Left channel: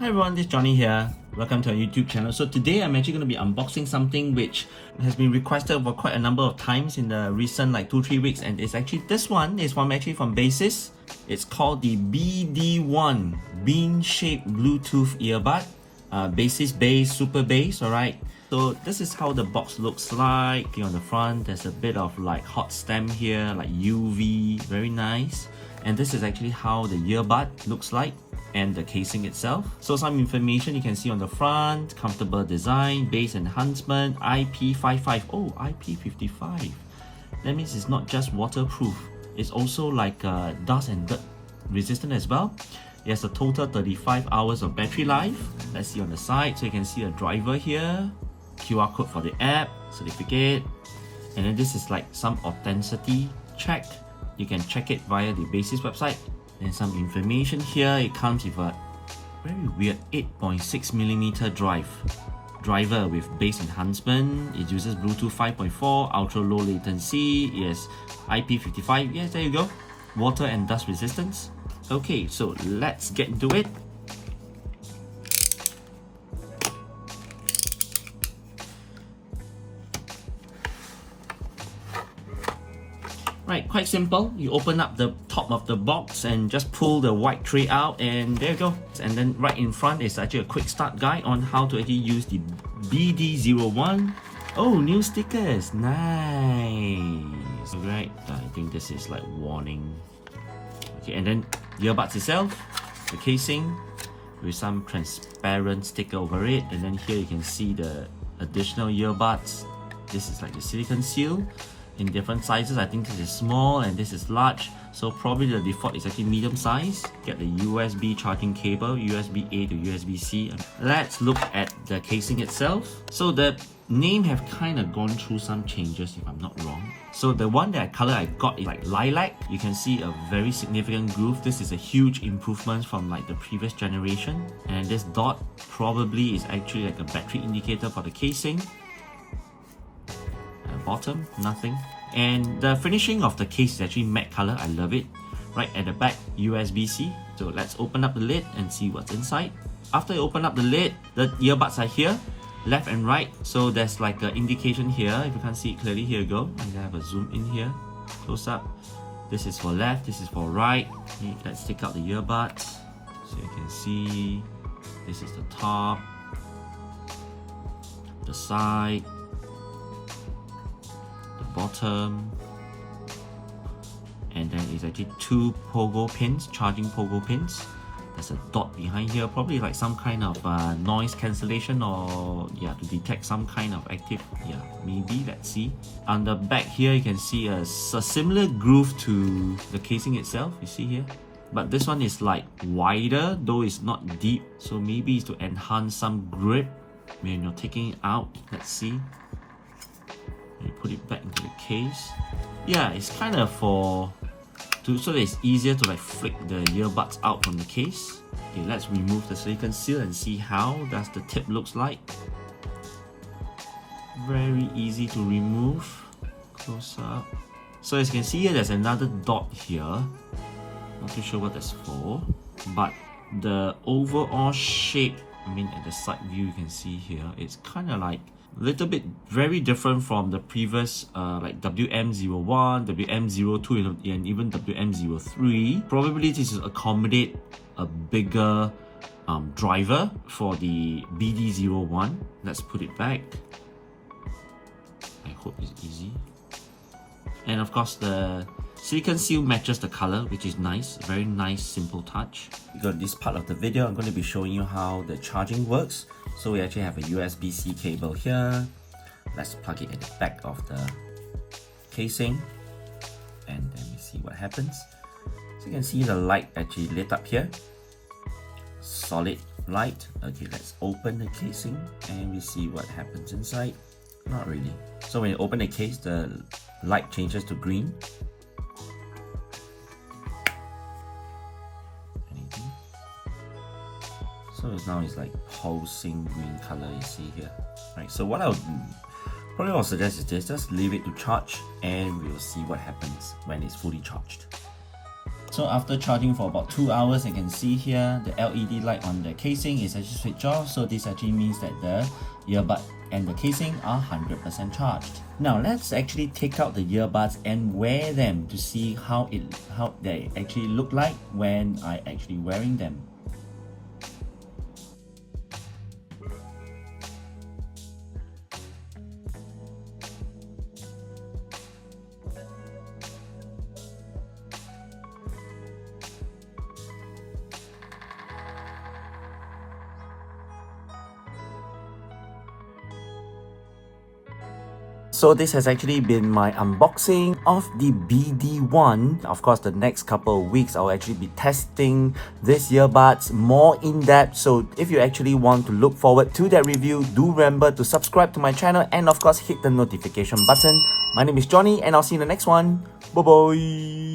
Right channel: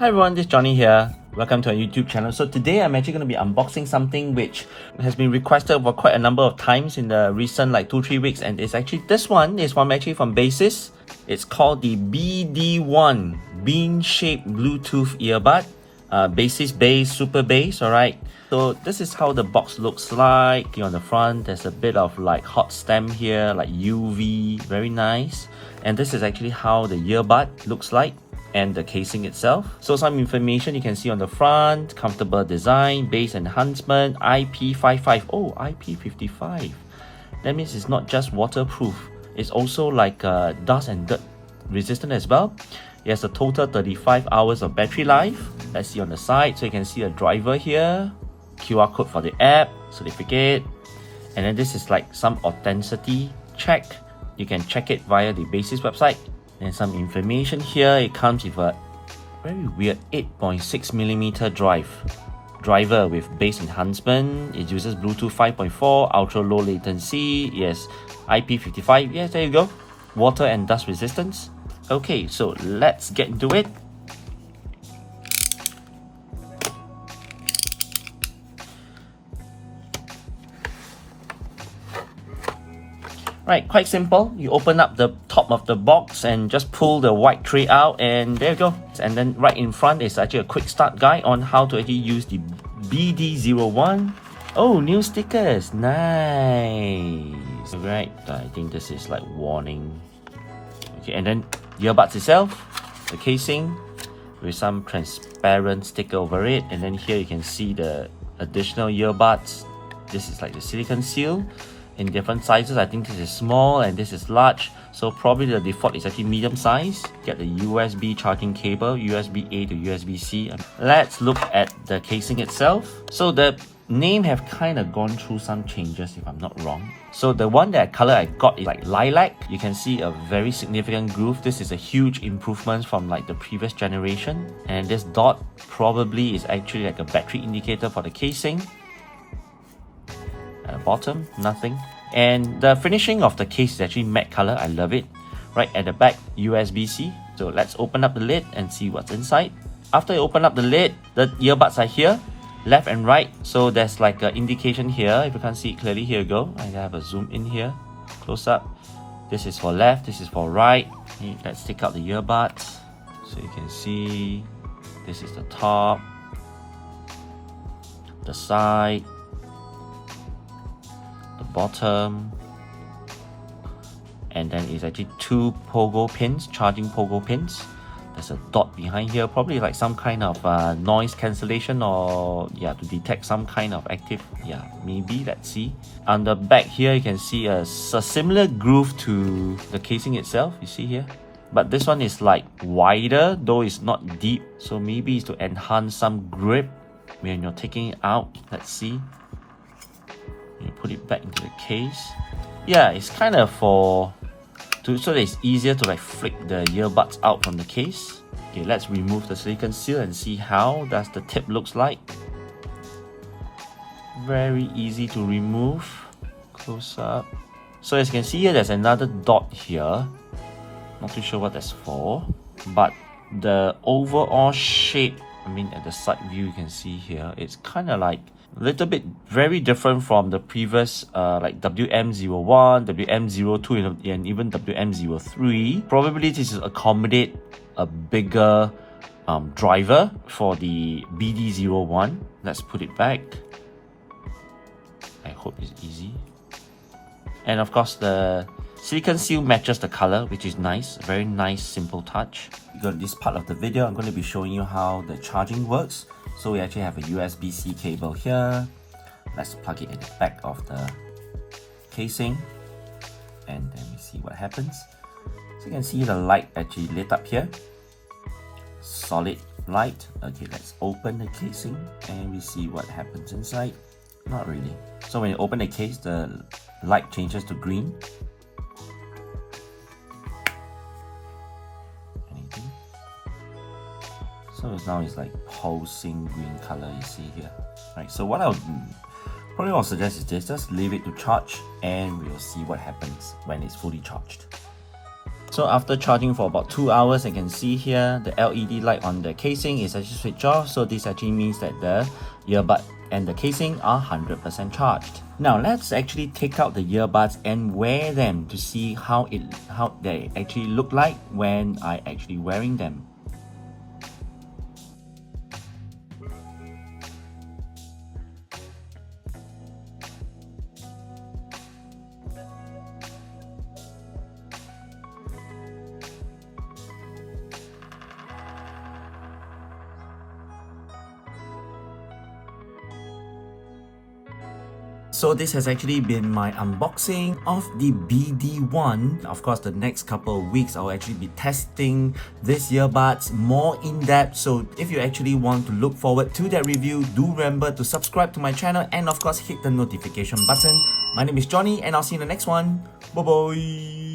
Hi everyone, this is Johnny here. Welcome to our YouTube channel. So today I'm actually going to be unboxing something which has been requested for quite a number of times in the recent 2-3 weeks, and it's actually this one is actually from Baseus. It's called the BD1 bean-shaped Bluetooth earbud, Baseus Bass Super Bass. Alright, so this is how the box looks like. Here on the front there's a bit of hot stem here, UV, very nice. And this is actually how the earbud looks like, and the casing itself. So some information you can see on the front: comfortable design, bass enhancement, IP55. Oh, IP55. That means it's not just waterproof, it's also dust and dirt resistant as well. It has a total 35 hours of battery life. Let's see on the side. So you can see a driver here, QR code for the app, certificate, and then this is some authenticity check. You can check it via the Baseus website. And some information here. It comes with a very weird 8.6mm driver with bass enhancement. It uses Bluetooth 5.4, ultra low latency. Yes, IP55. Yes, there you go. Water and dust resistance. Okay, so let's get into it. Right, quite simple. You open up the top of the box and just pull the white tray out, and there you go. And then right in front is actually a quick start guide on how to actually use the BD1. Oh, new stickers, nice. Right, I think this is warning. Okay, and then earbuds itself, the casing with some transparent sticker over it, and then here you can see the additional earbuds. This is the silicone seal in different sizes. I think this is small and this is large, so probably the default is actually medium size. Get the USB charging cable, USB A to USB C. Let's look at the casing itself. So the name have kind of gone through some changes, if I'm not wrong. So the one that color I got is lilac. You can see a very significant groove. This is a huge improvement from the previous generation. And this dot probably is actually a battery indicator for the casing. Bottom, nothing. And the finishing of the case is actually matte color. I love it. Right at the back, USB-C. So let's open up the lid and see what's inside. After you open up the lid, the earbuds are here, left and right. So there's an indication here. If you can't see it clearly, here you go. I have a zoom in here, close up. This is for left, this is for right. Let's take out the earbuds. So you can see this is the top, the side, bottom, and then it's actually two pogo pins, charging pogo pins. There's a dot behind here, probably some kind of noise cancellation, or to detect some kind of active, maybe, let's see. On the back here you can see a similar groove to the casing itself, you see here, but this one is wider, though it's not deep, so maybe it's to enhance some grip when you're taking it out. Let's see. You put it back into the case. Yeah, it's kind of so that it's easier to flick the earbuds out from the case. Okay, let's remove the silicone seal and see how does the tip looks like. Very easy to remove. Close up. So as you can see here, there's another dot here. Not too sure what that's for, but the overall shape, at the side view you can see here, it's kind of a little bit very different from the previous WM01, WM02, and even WM03. Probably this is accommodate a bigger driver for the BD1. Let's put it back. I hope it's easy. And of course the silicone seal matches the color, which is nice. Very nice, simple touch. Because this part of the video, I'm going to be showing you how the charging works. So we actually have a USB-C cable here. Let's plug it in the back of the casing, and then we see what happens. So you can see the light actually lit up here. Solid light. Okay, let's open the casing and we see what happens inside. Not really. So when you open the case, the light changes to green. So now it's pulsing green color, you see here. Right, so what I'll suggest is this: just leave it to charge and we'll see what happens when it's fully charged. So after charging for about 2 hours, I can see here the LED light on the casing is actually switched off. So this actually means that the earbud and the casing are 100% charged. Now let's actually take out the earbuds and wear them to see how they actually look like when I actually wearing them. So this has actually been my unboxing of the BD1. Of course, the next couple of weeks I'll actually be testing this earbuds more in depth. So if you actually want to look forward to that review, do remember to subscribe to my channel and of course hit the notification button. My name is Johnny and I'll see you in the next one. Bye bye.